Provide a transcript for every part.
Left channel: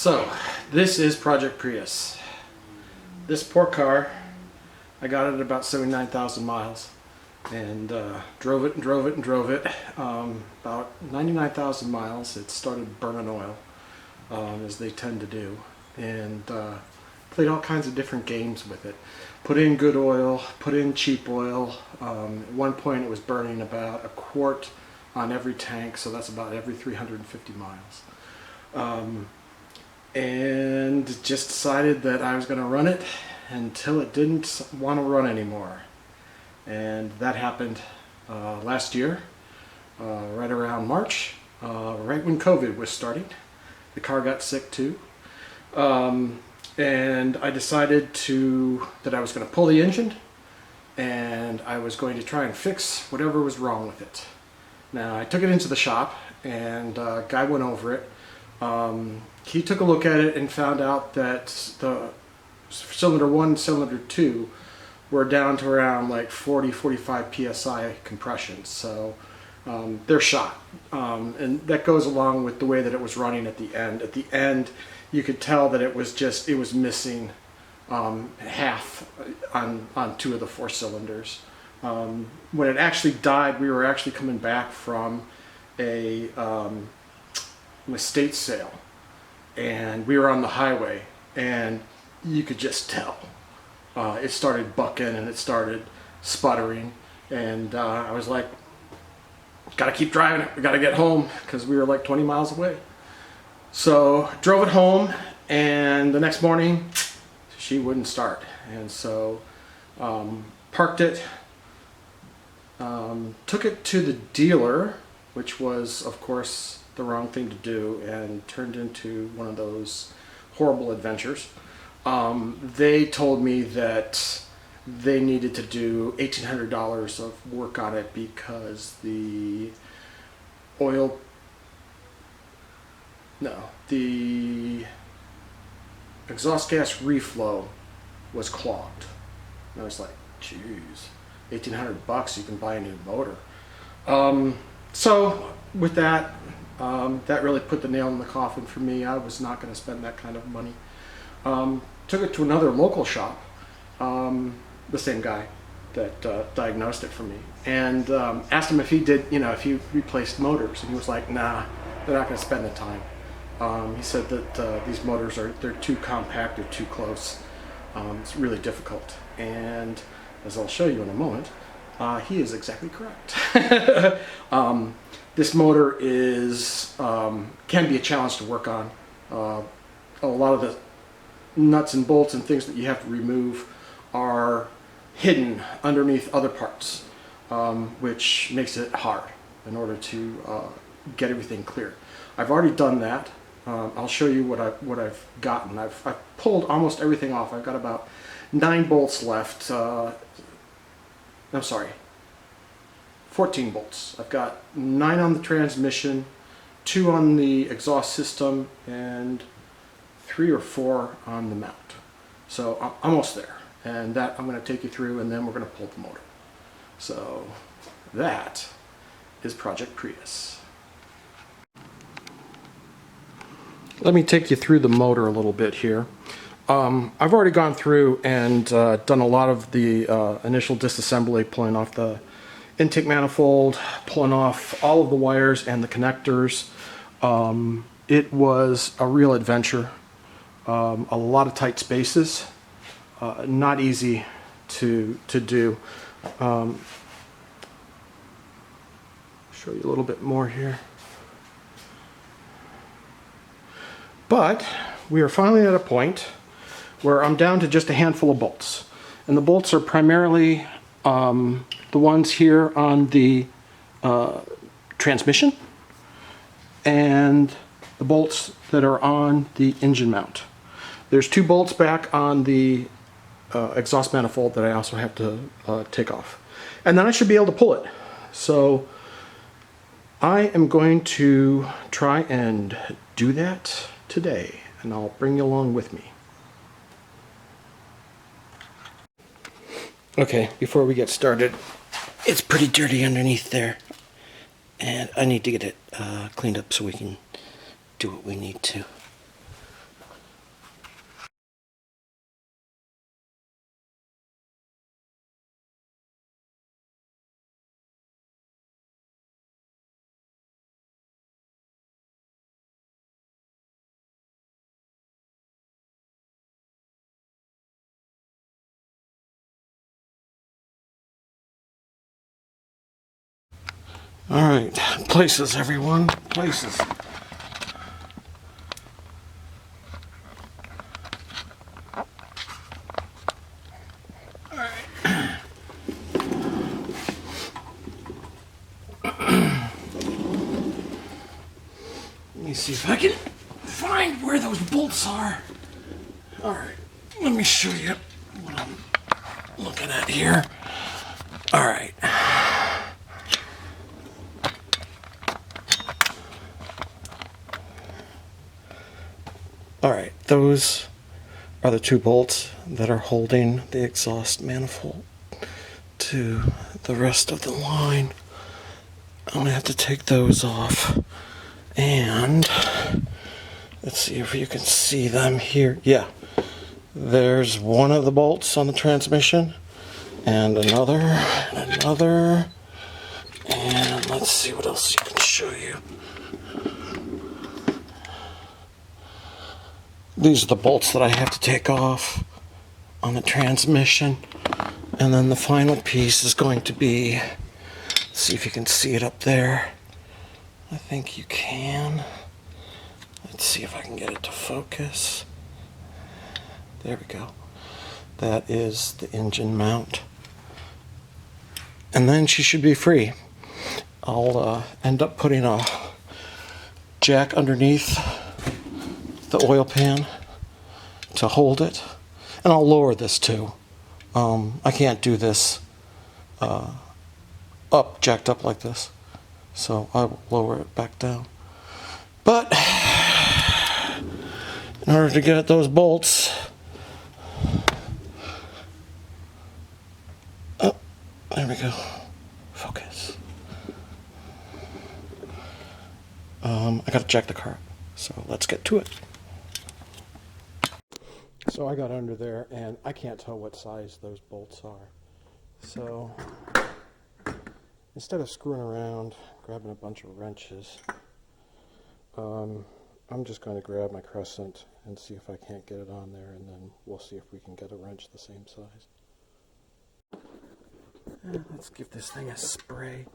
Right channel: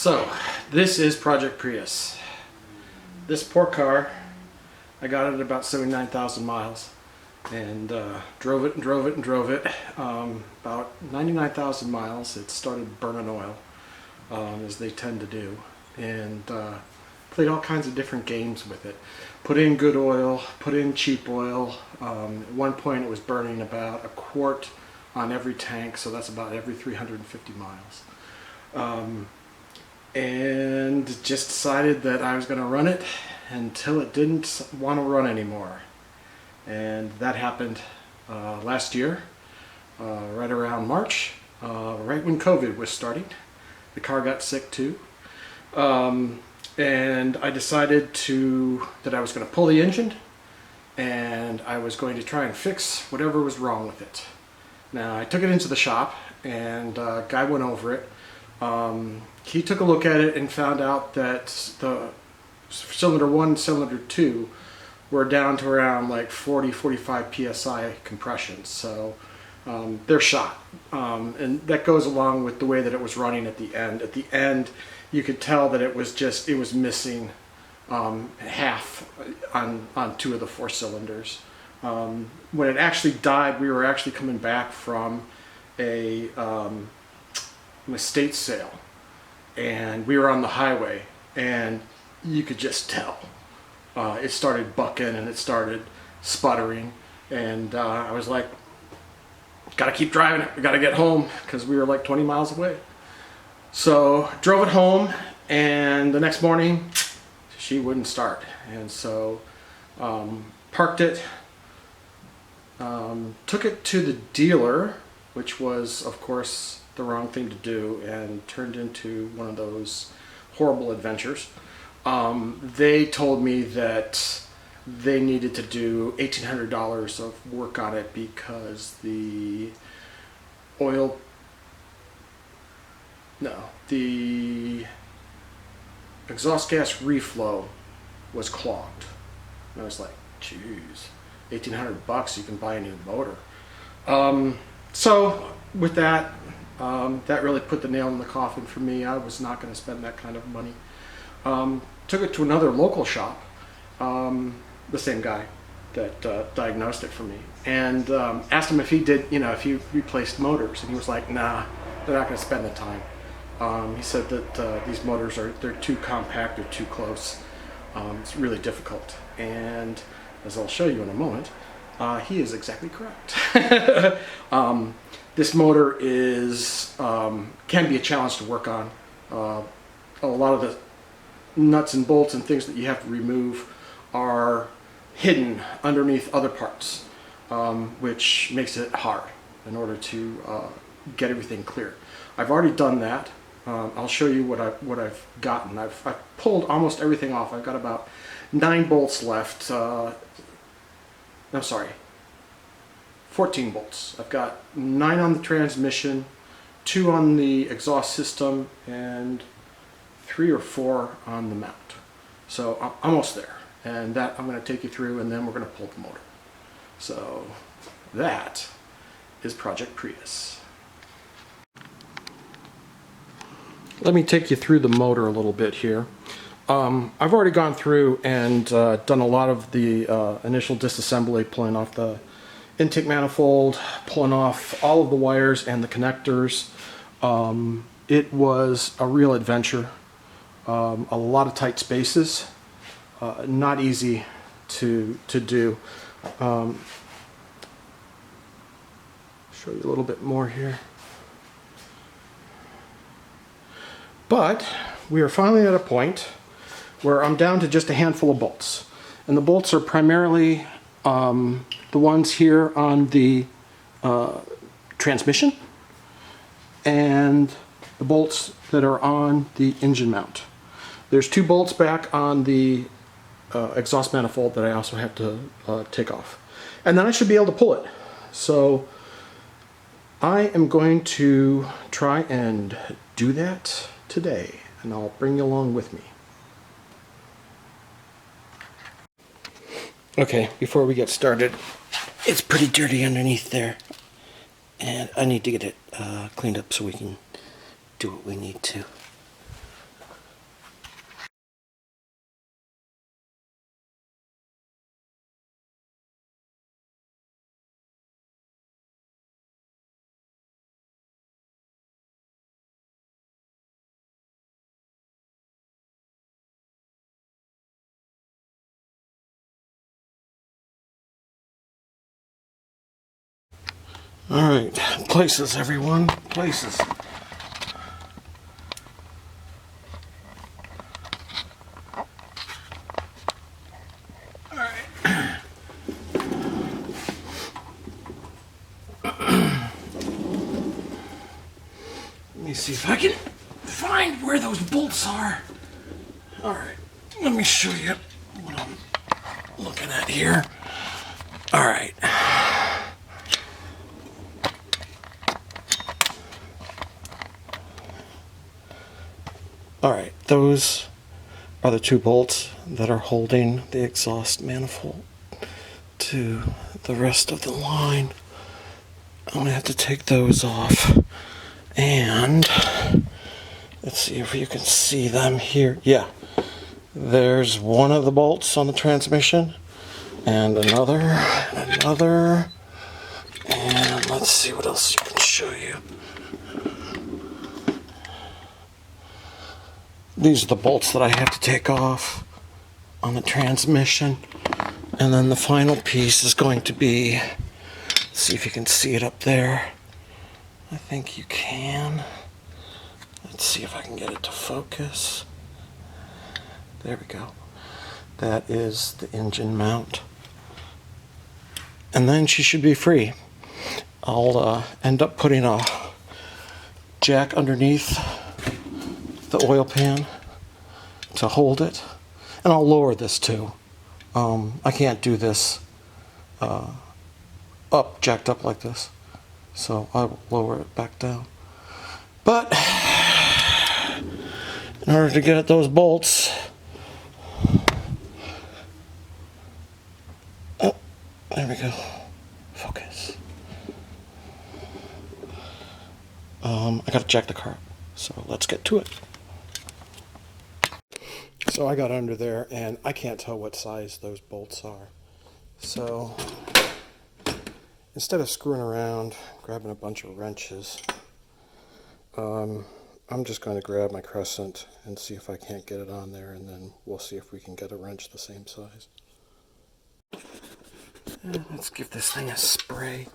So, this is Project Prius. This poor car, I got it at about 79,000 miles and drove it and drove it and drove it. About 99,000 miles, it started burning oil, as they tend to do, and played all kinds of different games with it. Put in good oil, put in cheap oil. At one point it was burning about a quart on every tank, so that's about every 350 miles. And just decided that I was going to run it until it didn't want to run anymore. And that happened last year, right around March, right when COVID was starting. The car got sick too. And I decided that I was going to pull the engine and I was going to try and fix whatever was wrong with it. Now, I took it into the shop and a guy went over it. He took a look at it and found out that the cylinder 1 and cylinder 2 were down to around like 40-45 psi compression, so they're shot. And that goes along with the way that it was running at the end. At the end, you could tell that it was missing half on 2 of the 4 cylinders. When it actually died, we were actually coming back from a estate sale, and we were on the highway, and you could just tell it started bucking and it started sputtering, and I was like, gotta keep driving it, we gotta get home, because we were like 20 miles away. So drove it home, and the next morning she wouldn't start, and so parked it, took it to the dealer, which was of course the wrong thing to do and turned into one of those horrible adventures. They told me that they needed to do $1,800 of work on it because the exhaust gas reflow was clogged. And I was like, geez, $1,800, you can buy a new motor. So with that, that really put the nail in the coffin for me. I was not going to spend that kind of money. Took it to another local shop, the same guy that diagnosed it for me, and asked him if he did, if he replaced motors, and he was like, nah, they're not going to spend the time. He said that these motors they're too compact, they're too close. It's really difficult, and as I'll show you in a moment, he is exactly correct. This motor can be a challenge to work on. A lot of the nuts and bolts and things that you have to remove are hidden underneath other parts, which makes it hard in order to get everything clear. I've already done that. I'll show you what I've gotten. I've pulled almost everything off. I've got about 9 bolts left. I'm sorry, 14 bolts. I've got 9 on the transmission, 2 on the exhaust system, and 3 or 4 on the mount. So I'm almost there, and that I'm going to take you through, and then we're going to pull the motor. So that is Project Prius. Let me take you through the motor a little bit here. I've already gone through and done a lot of the initial disassembly, pulling off the intake manifold, pulling off all of the wires and the connectors. It was a real adventure. A lot of tight spaces, not easy to do. Show you a little bit more here. But we are finally at a point where I'm down to just a handful of bolts. And the bolts are primarily the ones here on the transmission and the bolts that are on the engine mount. There's 2 bolts back on the exhaust manifold that I also have to take off. And then I should be able to pull it. So I am going to try and do that today, and I'll bring you along with me. Okay, before we get started, it's pretty dirty underneath there, and I need to get it cleaned up so we can do what we need to. All right, places, everyone, places. All right. Let me see if I can find where those bolts are. All right, let me show you what I'm looking at here. All right. All right, those are the two bolts that are holding the exhaust manifold to the rest of the line. I'm gonna have to take those off, and let's see if you can see them here. Yeah, there's one of the bolts on the transmission, and another, and let's see what else you can show you. These are the bolts that I have to take off on the transmission. And then the final piece is going to be, let's see if you can see it up there. I think you can. Let's see if I can get it to focus. There we go. That is the engine mount. And then she should be free. I'll end up putting a jack underneath the oil pan to hold it. And I'll lower this too. I can't do this jacked up like this. So I will lower it back down. But in order to get at those bolts, oh, there we go. Focus. I gotta jack the car up. So let's get to it. So I got under there and I can't tell what size those bolts are. So instead of screwing around, grabbing a bunch of wrenches, I'm just going to grab my crescent and see if I can't get it on there, and then we'll see if we can get a wrench the same size. Let's give this thing a spray.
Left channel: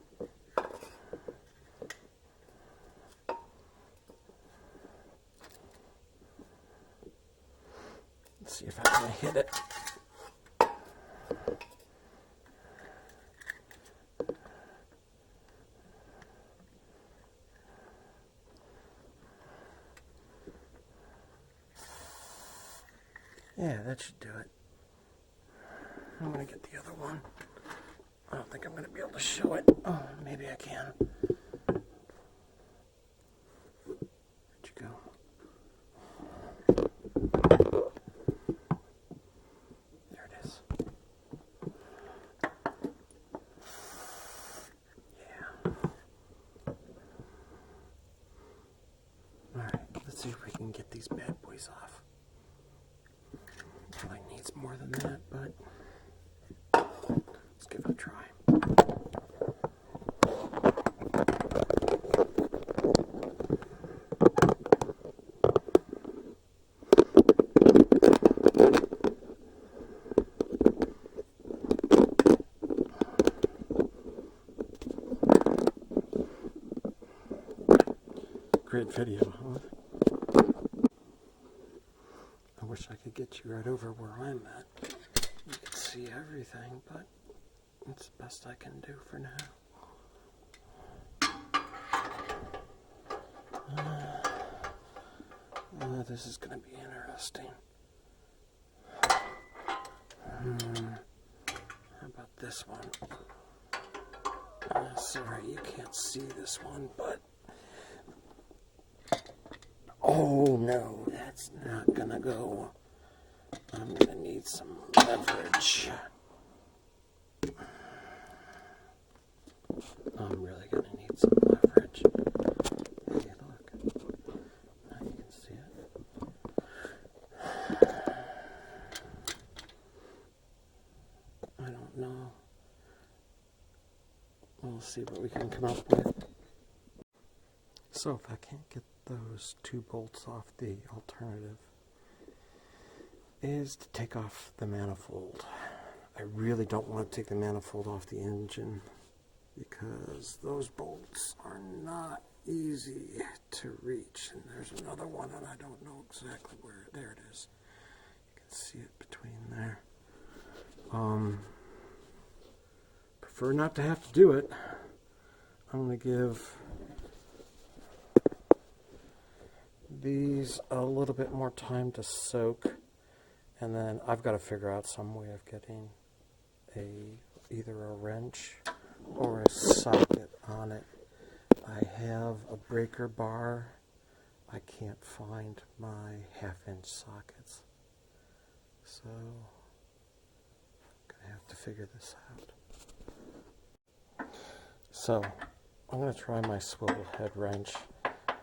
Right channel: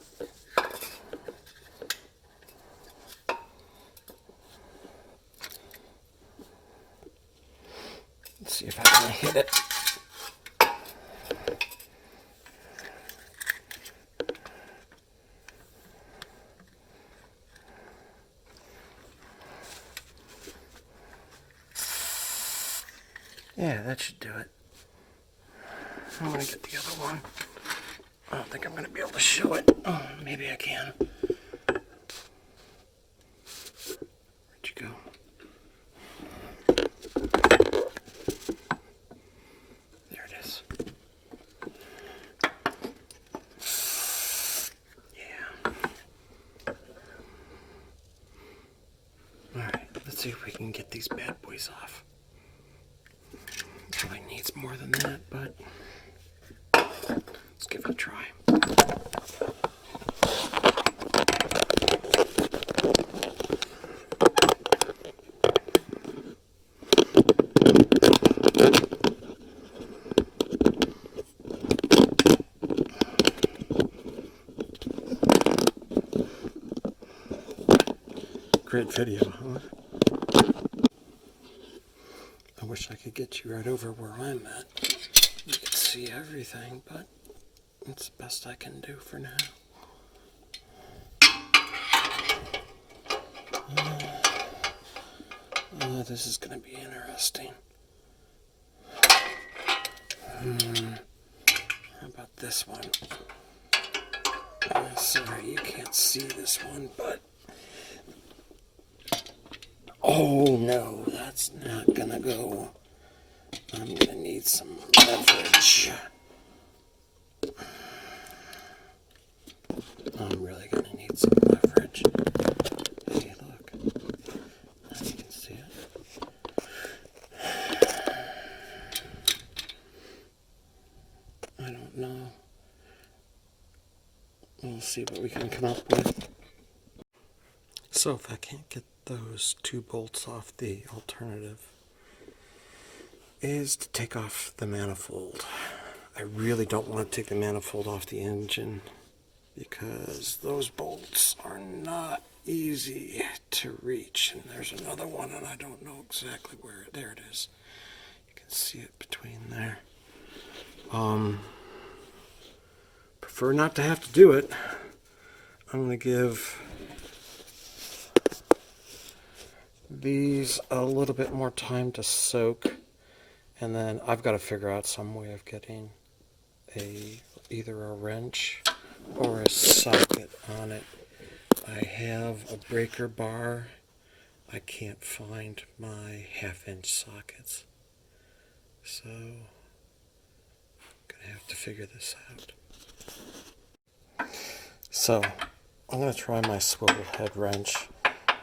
Let's see if I can hit it. Yeah, that should do it. I'm going to get the other one. I don't think I'm going to be able to show it. Oh, maybe I can. Where'd you go? There it is. Yeah. Alright, let's see if we can get these bad boys off. Probably needs more than that, but let's give it a try. Great video, huh? I wish I could get you right over where I'm at. You could see everything, but it's the best I can do for now. This is going to be interesting. How about this one? Sorry, you can't see this one, but... Oh no, that's not going to go. I'm going to need some leverage. I'm really going to need some leverage. Hey, look. Now you can see it. I don't know. We'll see what we can come up with. So if I can't get those two bolts off, the alternative is to take off the manifold. I really don't want to take the manifold off the engine because those bolts are not easy to reach. And there's another one, and I don't know exactly where. There it is. You can see it between there. Prefer not to have to do it. I'm going to give these a little bit more time to soak, and then I've got to figure out some way of getting either a wrench or a socket on it. I have a breaker bar. I can't find my 1/2-inch sockets, so I'm gonna have to figure this out. So I'm gonna try my swivel head wrench.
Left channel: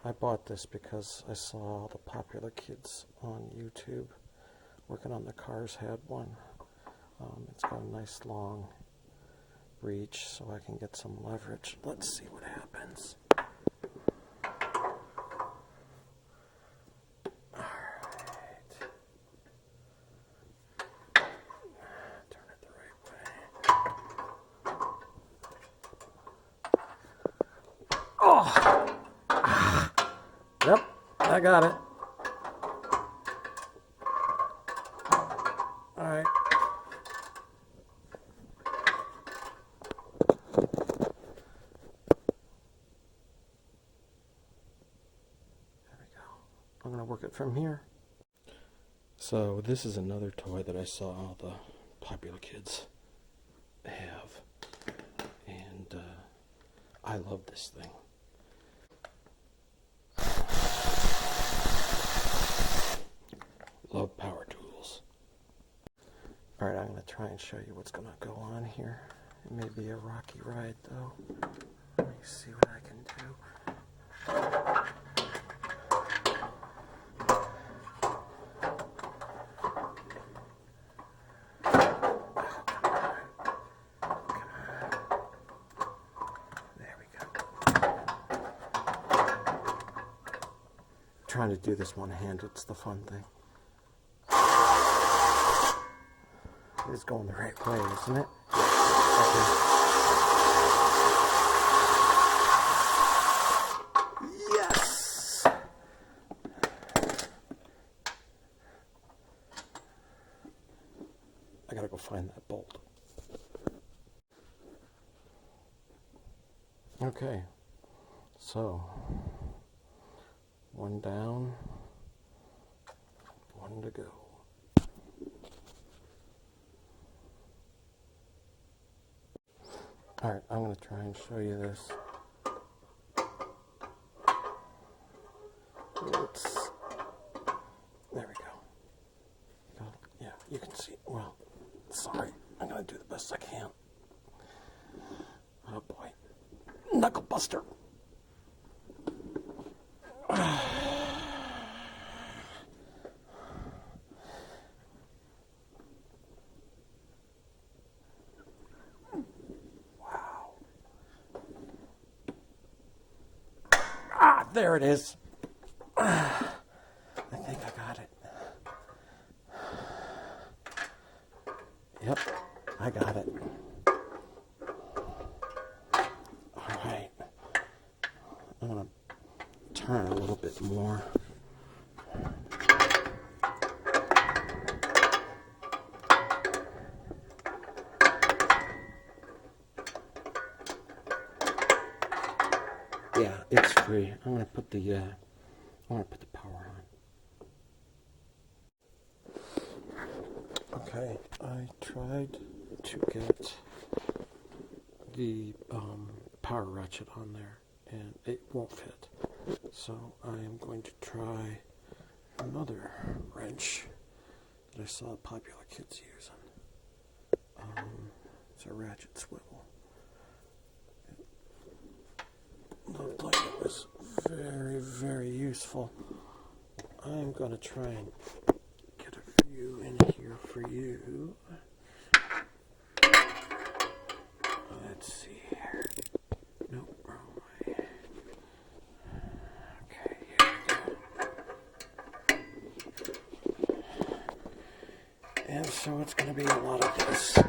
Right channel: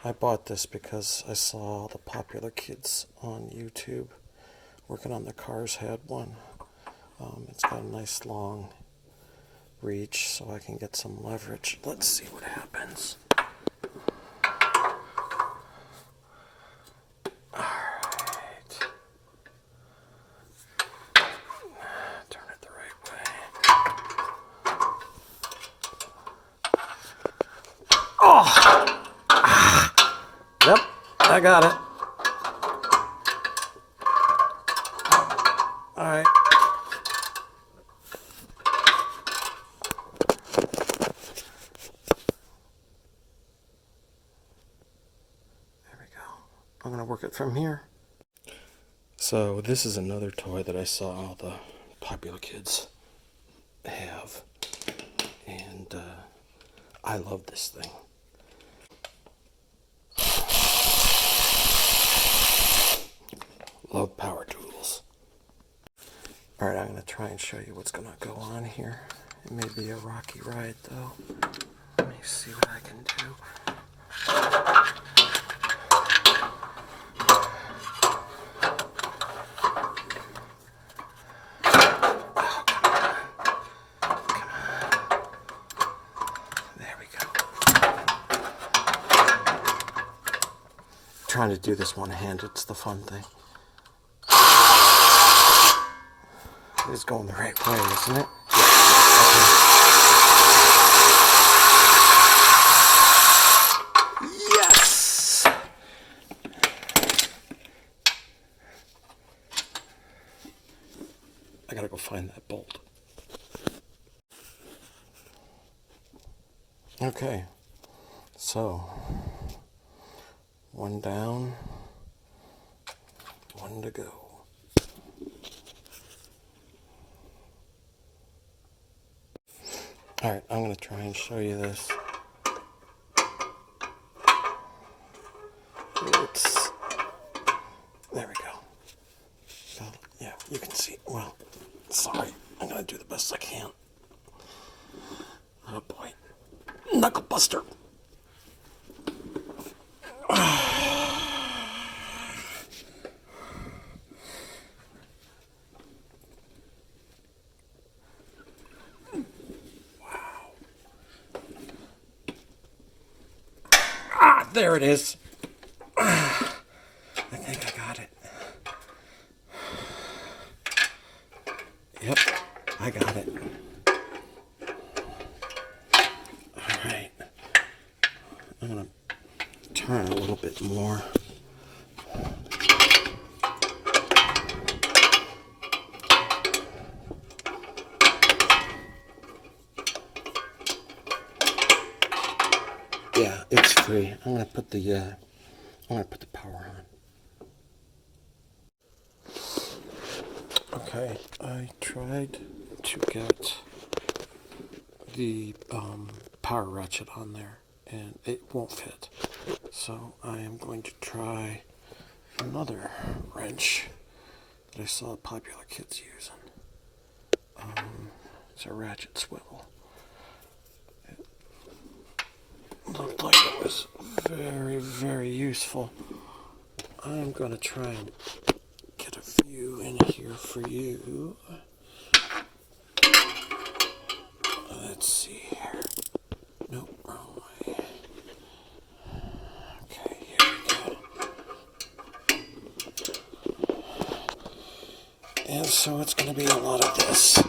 I bought this because I saw the popular kids on YouTube working on the cars had one. It's got a nice long reach, so I can get some leverage. Let's see what happens. Alright. Turn it the right way. Oh! Yep, I got it. Alright. I'm going to work it from here. So this is another toy that I saw all the popular kids have. And I love this thing. Love power tools. Alright, I'm going to try and show you what's going to go on here. It may be a rocky ride though. Let me see what I can do. Trying to do this one-handed, it's the fun thing. It's going the right way, isn't it? Okay. Yes! I gotta go find that bolt. Okay, so one down, one to go. All right, I'm going to try and show you this. There we go. So, yeah, you can see. Well, sorry, I'm going to do the best I can. Oh boy, knuckle buster. There it is. I think I got it. Yep, I got it. All right. I'm going to turn a little bit more. Yeah, it's free. I'm gonna put the power on. Okay, I tried to get the power ratchet on there, and it won't fit. So I am going to try another wrench that I saw popular kids using. It's a ratchet swivel. Looked like it was very, very useful. I'm going to try and get a few in here for you. Let's see here. Nope, wrong way. Okay, here we go. And so it's going to be a lot of this.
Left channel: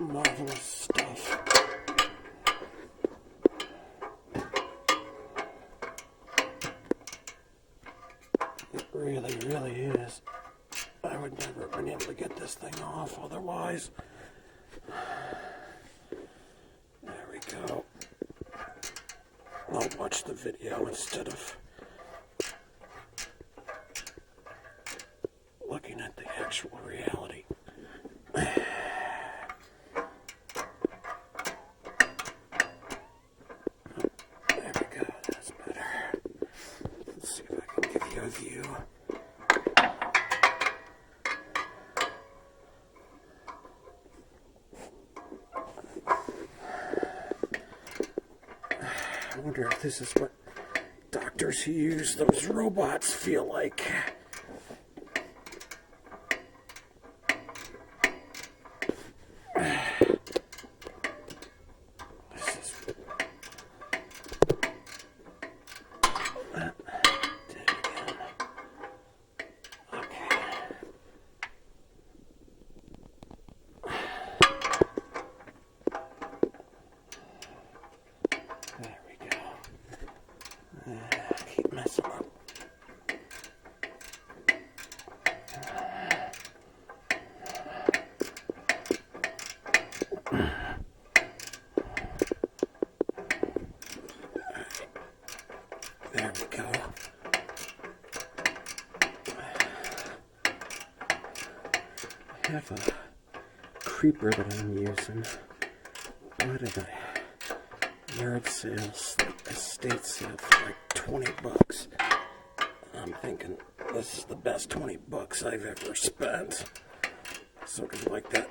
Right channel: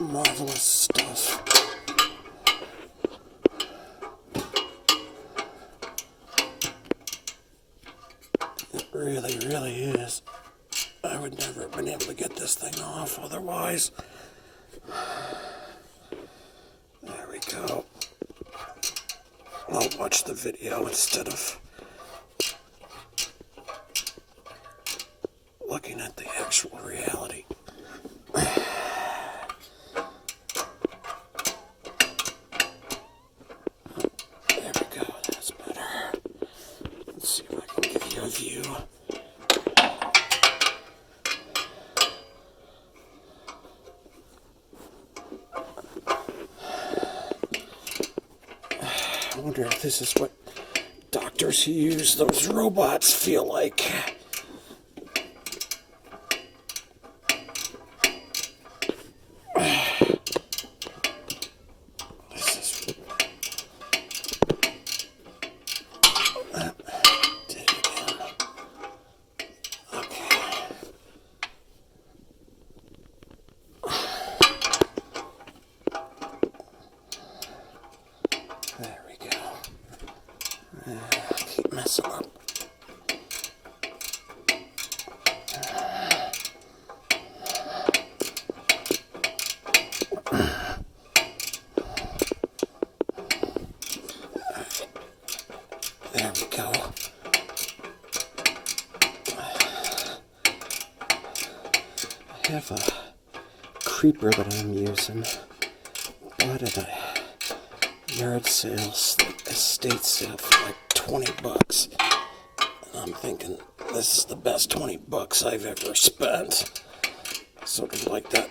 Marvelous stuff. It really, really is. I would never have been able to get this thing off otherwise. There we go. I'll watch the video instead of looking at the actual reality. There we go, that's better. Let's see if I can give you a view. I wonder if this is what doctors who use those robots feel like. There we go. Keep messing up. There we go. I have a creeper that I'm using, but at a yard sales, estate sale for like $20. And I'm thinking this is the best $20 I've ever spent. Sort of like that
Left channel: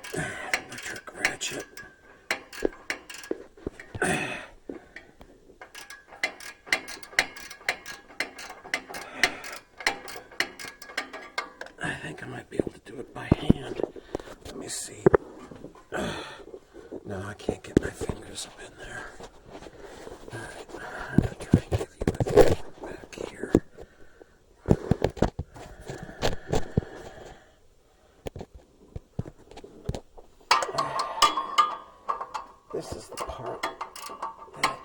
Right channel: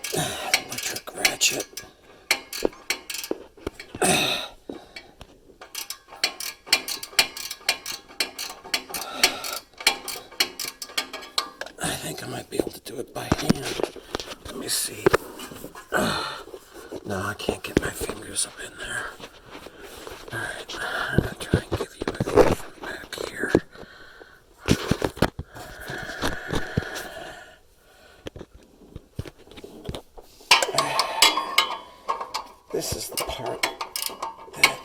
electric ratchet. I think I might be able to do it by hand. Let me see. No, I can't get my fingers up in there. Alright, I'm going to try and give you a view from back here. This is the part that,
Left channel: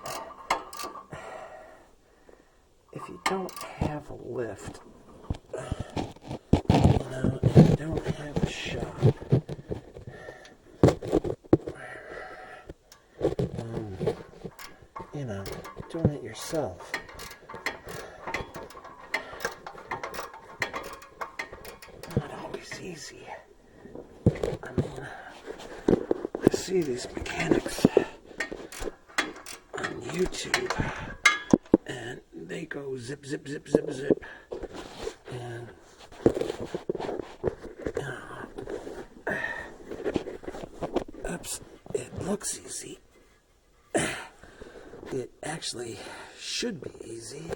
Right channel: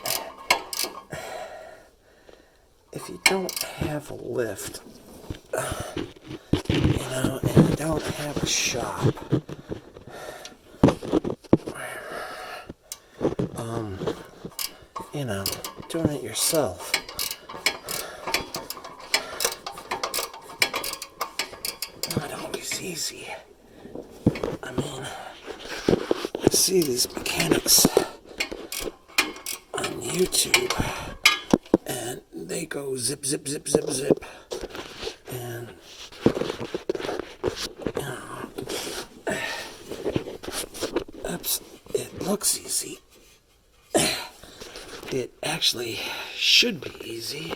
if you don't have a lift, and you don't have a shop, doing it yourself, not always easy. I mean, I see these mechanics on YouTube, and they go zip, zip, zip, zip, zip, and oops, it looks easy. It actually should be easy,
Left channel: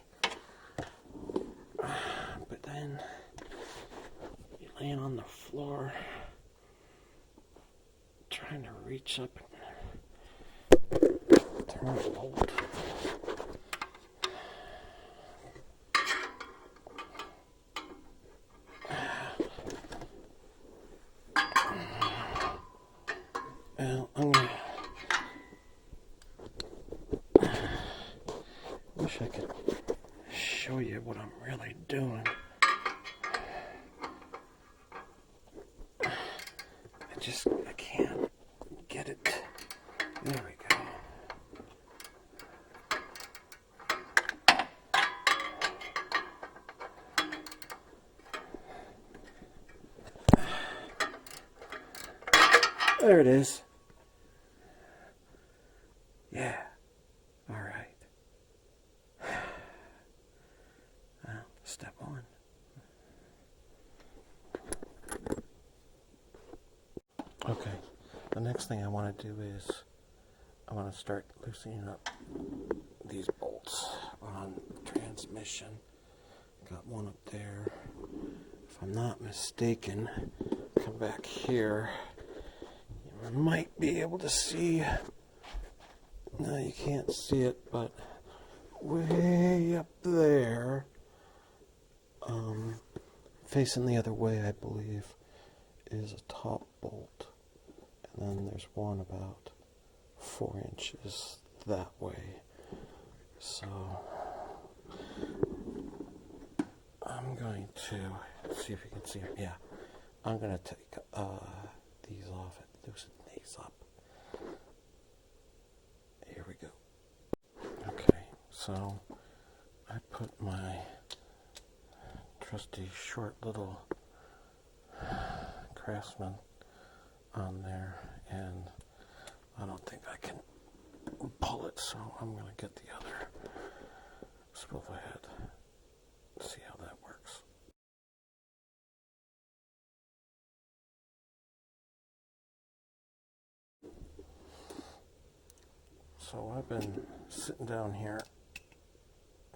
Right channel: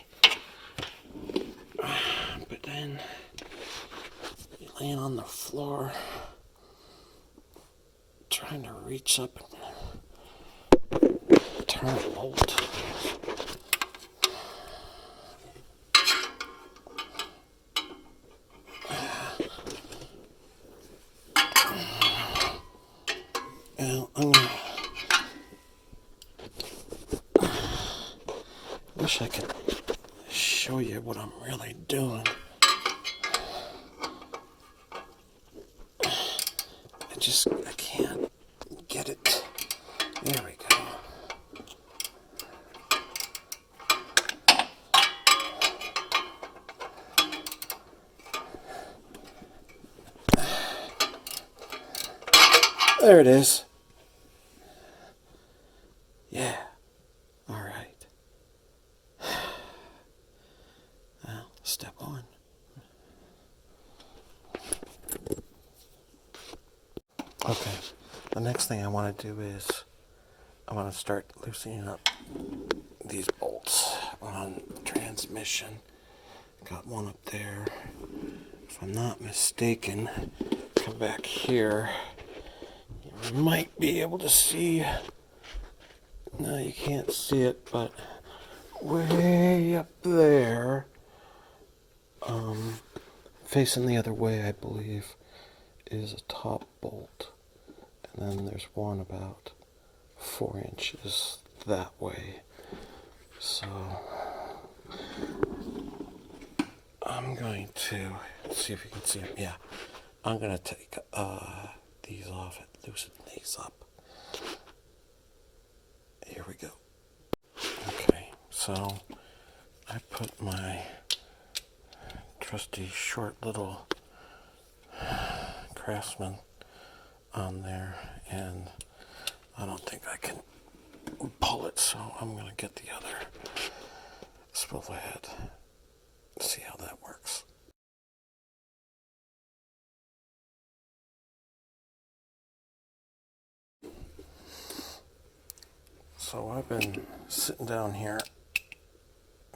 but then you're laying on the floor trying to reach up and turn a bolt. Well, wish I could show you what I'm really doing. I can't get it. There we go. There it is. Yeah. All right. Well, step one. Okay. The next thing I want to do is I want to start loosening up these bolts on transmission. Got one up there. If I'm not mistaken, come back here. You might be able to see. No, you can't see it, but way up there, facing the other way, I believe, is a top bolt. and then there's one about 4 inches that way. So I'm going to see if you can see them. Yeah, I'm going to take these off and loosen these up. Here we go. Okay, so I put my trusty short little Craftsman on there, and I don't think I can pull it, so I'm going to get the other swivel head, see how that works. So I've been sitting down here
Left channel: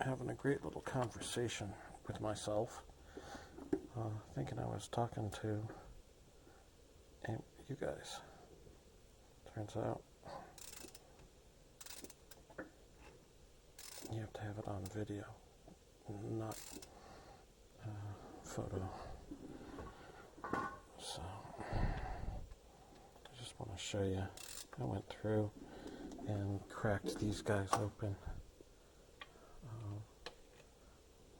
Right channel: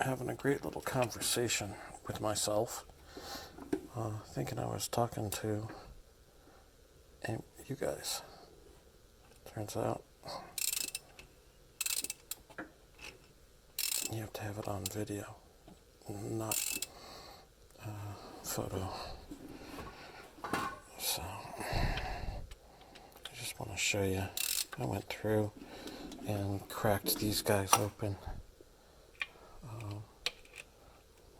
having a great little conversation with myself, thinking I was talking to you guys. Turns out you have to have it on video, not photo. So I just want to show you. I went through and cracked these guys open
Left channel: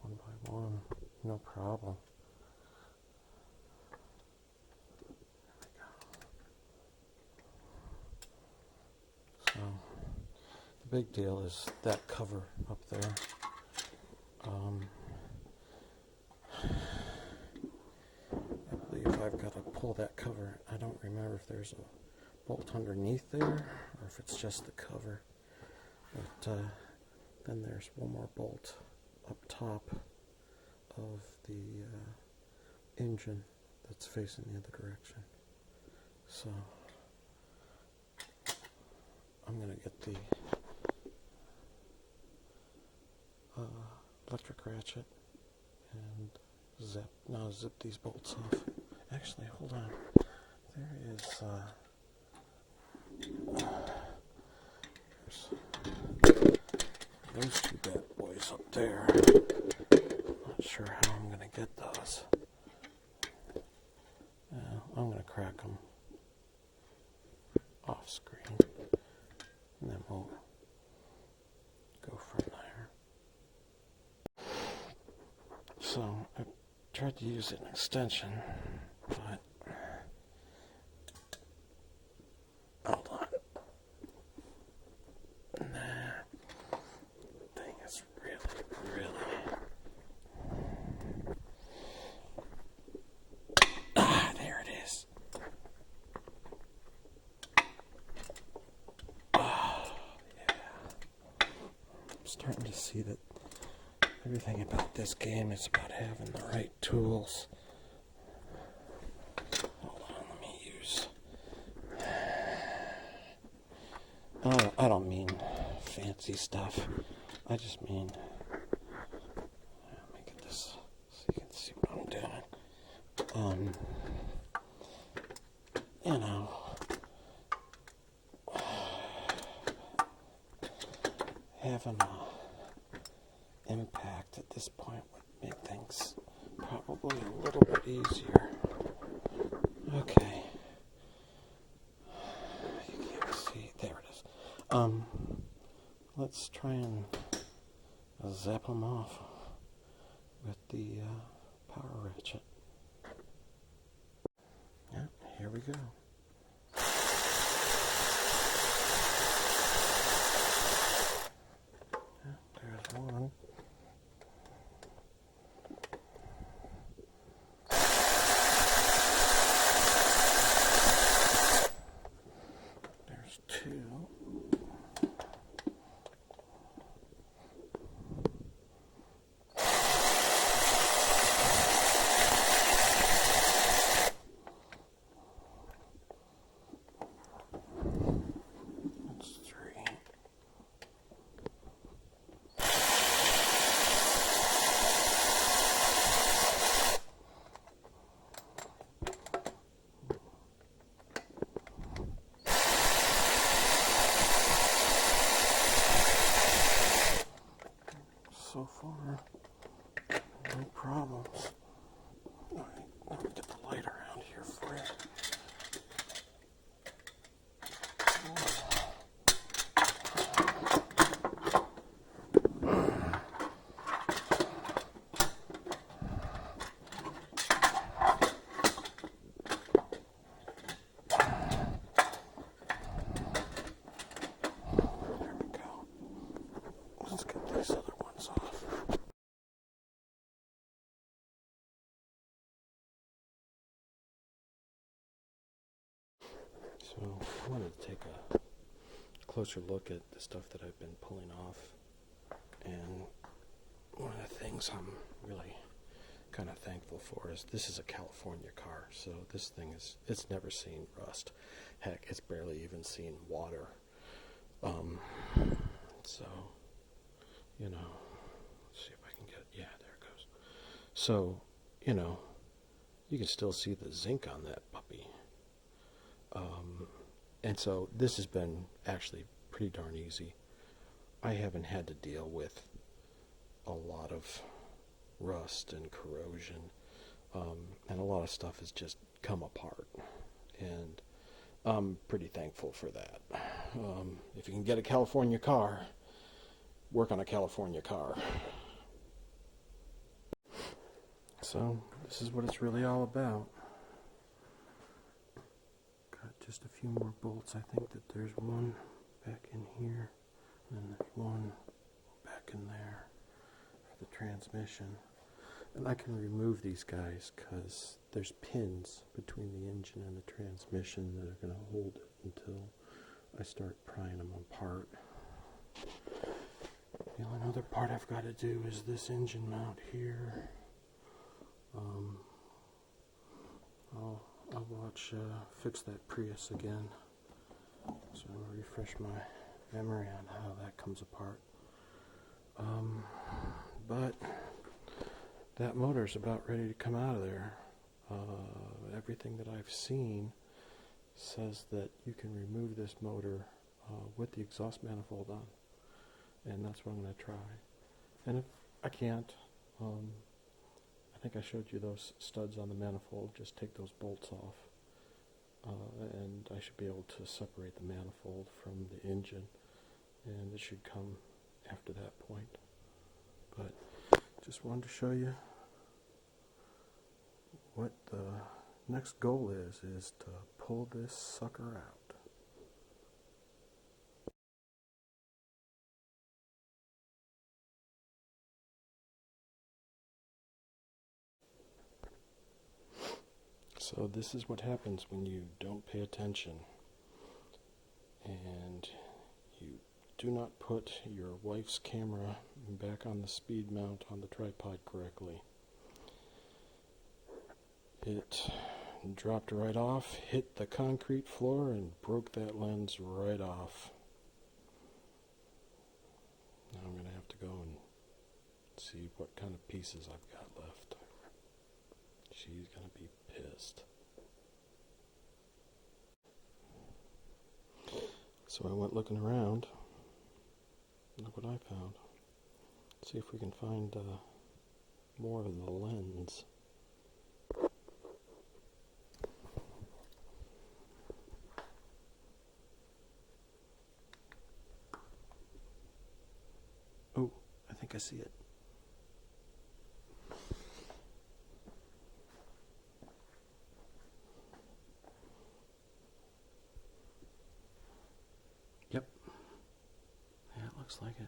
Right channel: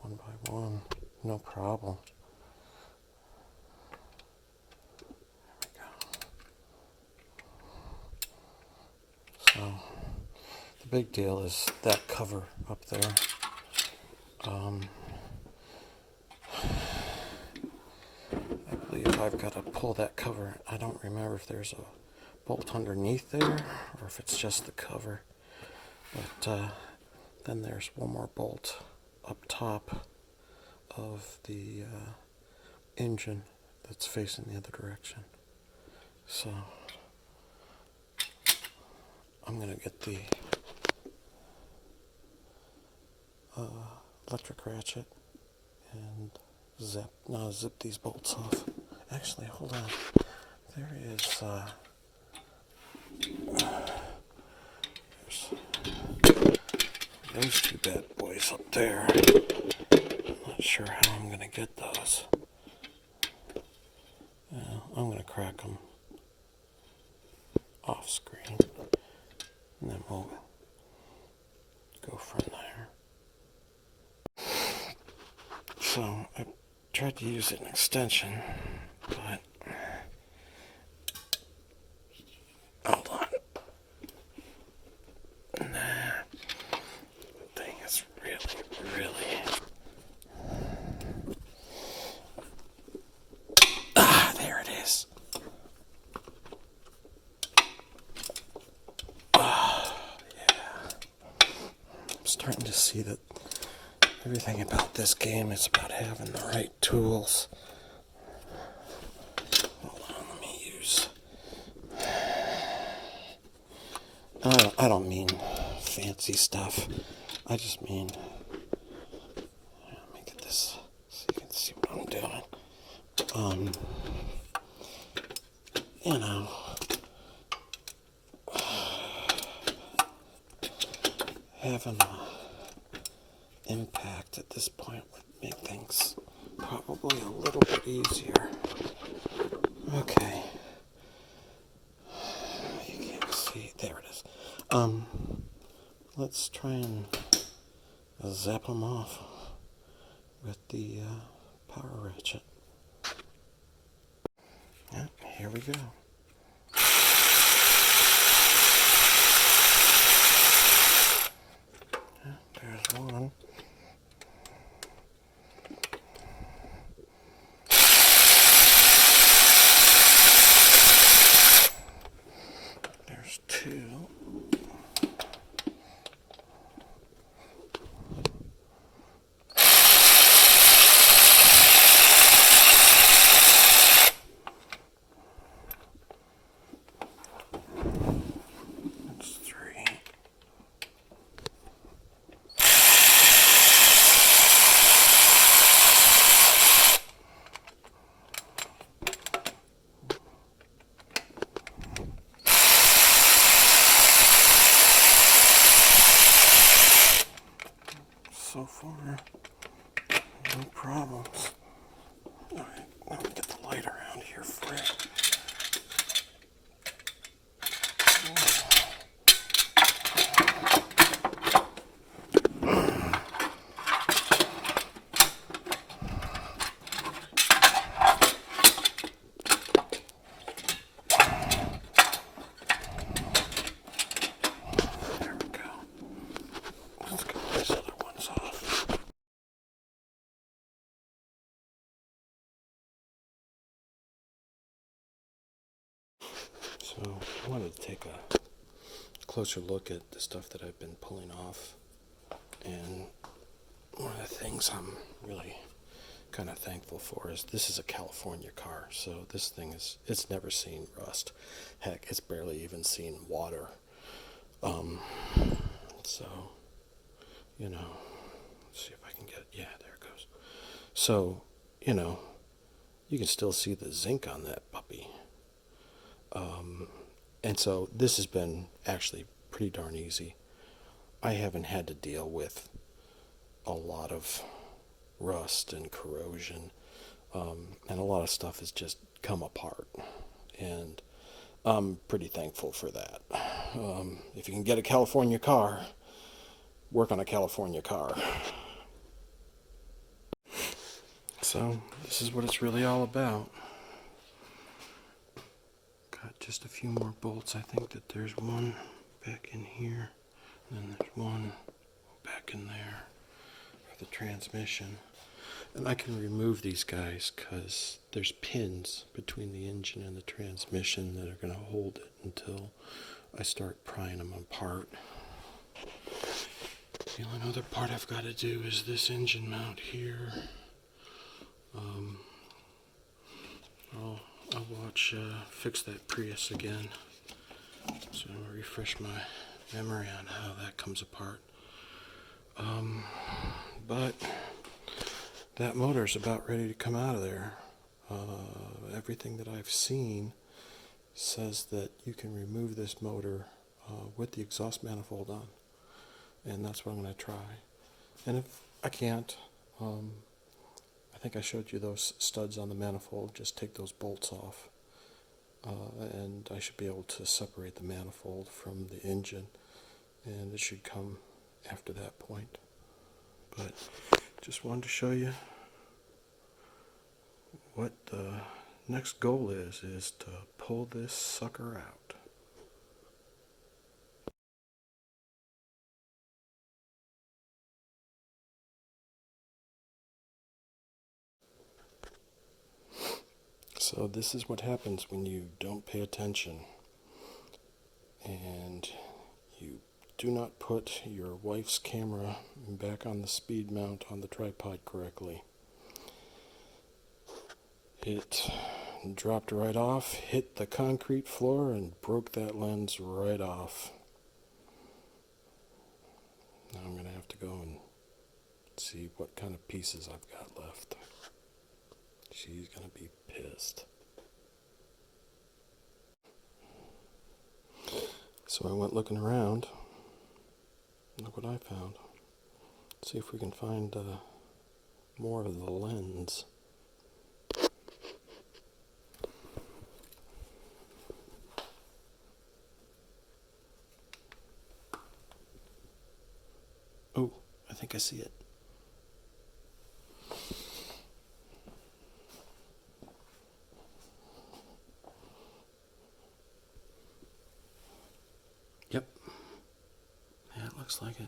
one by one, no problem. There we go. So the big deal is that cover up there. I believe I've got to pull that cover. I don't remember if there's a bolt underneath there or if it's just the cover. But then there's one more bolt up top of the engine that's facing the other direction. So I'm going to get the electric ratchet and zip these bolts off. Actually, hold on. There is those two bad boys up there. Not sure how I'm going to get those. I'm going to crack them off screen, and then we'll go from there. So I tried to use an extension, but hold on. Thing is really. There it is. Yeah. I'm starting to see that everything about this game is about having the right tools. Hold on, let me use. I don't mean fancy stuff. I just mean. Let me get this so you can see what I'm doing. You know. Having an impact at this point would make things probably a little bit easier. Okay. You can't see. There it is. Let's try and zap them off with the power ratchet. Yeah, here we go. There's one. There's two. That's three. So far, no problems. Alright, let me get the light around here for you. wanted to take a closer look at the stuff that I've been pulling off, and one of the things I'm really kind of thankful for is this is a California car, so this thing it's never seen rust. Heck, it's barely even seen water. So, let's see if I can get, yeah, there it goes. So, you can still see the zinc on that puppy. And so this has been actually pretty darn easy. I haven't had to deal with a lot of rust and corrosion, and a lot of stuff has just come apart, and I'm pretty thankful for that. If you can get a California car, work on a California car. So this is what it's really all about. Got just a few more bolts. I think that there's one back in here, and then there's one back in there for the transmission. And I can remove these guys because there's pins between the engine and the transmission that are going to hold it until I start prying them apart. The only other part I've got to do is this engine mount here. I'll watch fix that Prius again, so I'll refresh my memory on how that comes apart. But that motor's about ready to come out of there. Everything that I've seen says that you can remove this motor with the exhaust manifold on, and that's what I'm going to try. And if I can't, I think I showed you those studs on the manifold. Just take those bolts off, and I should be able to separate the manifold from the engine, and it should come after that point. But just wanted to show you what the next goal is to pull this sucker out. So this is what happens when you don't pay attention and you do not put your wife's camera back on the speed mount on the tripod correctly. It dropped right off, hit the concrete floor, and broke that lens right off. Now I'm going to have to go and see what kind of pieces I've got left. She's going to be pissed. So I went looking around. Look what I found. See if we can find more of the lens. Oh, I think I see it. Yep. Yeah, it looks like it.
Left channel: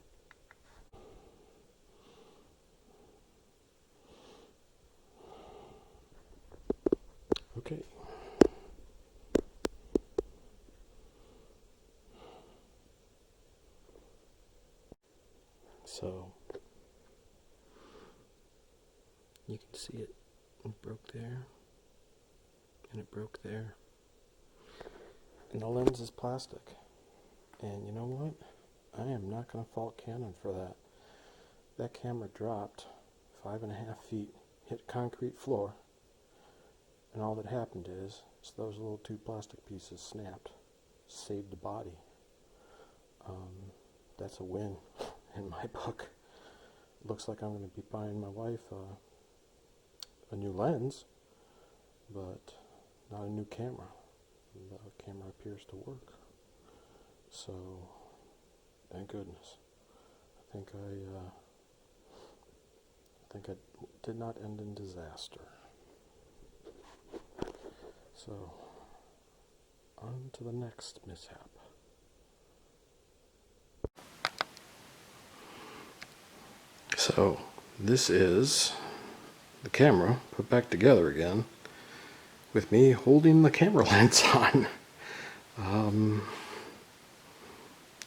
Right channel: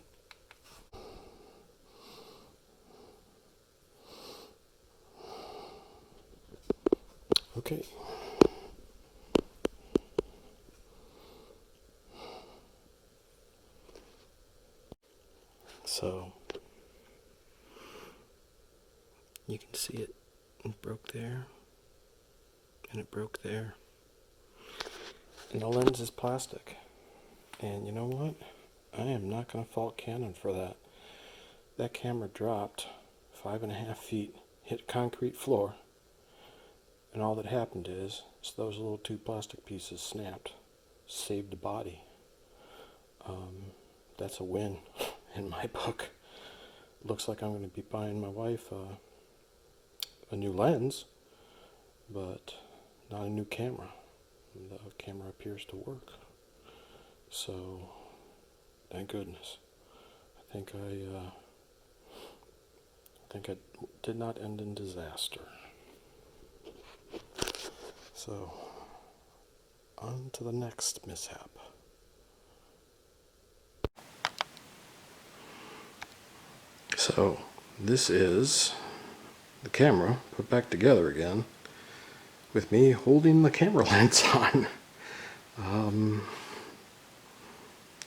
Okay. So you can see it. It broke there, and it broke there. And the lens is plastic. And you know what? I am not going to fault Canon for that. That camera dropped 5.5 feet, hit concrete floor, and all that happened is those little two plastic pieces snapped, saved the body. That's a win in my book. Looks like I'm going to be buying my wife a new lens, but not a new camera. The camera appears to work. So, thank goodness. I think I did not end in disaster. So, on to the next mishap. So, this is the camera put back together again with me holding the camera lens on.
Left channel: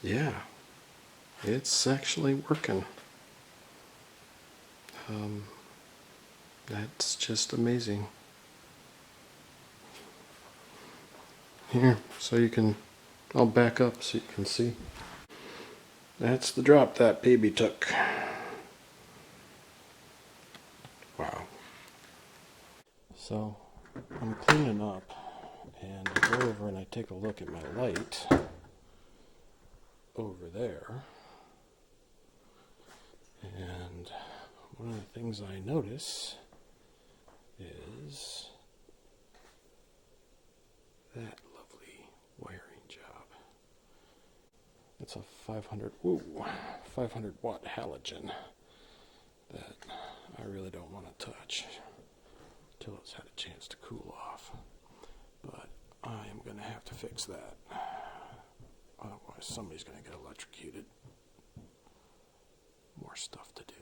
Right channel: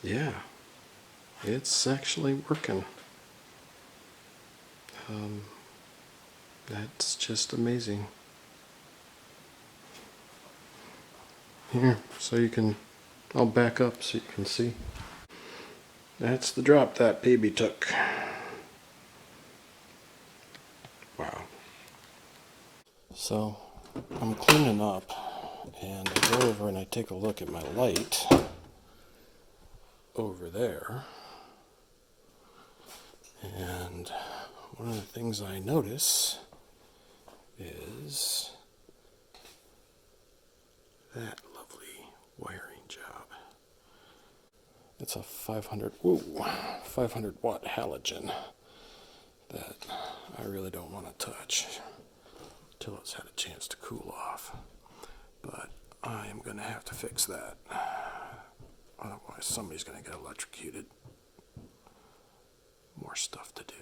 Yeah, it's actually working. That's just amazing. Here, so you can, I'll back up so you can see. That's the drop that baby took. Wow. So, I'm cleaning up, and I go over and I take a look at my light over there. And one of the things I notice is that lovely wiring job. It's a 500 watt halogen that I really don't want to touch until it's had a chance to cool off. But I am going to have to fix that. Otherwise somebody's going to get electrocuted. More stuff to do.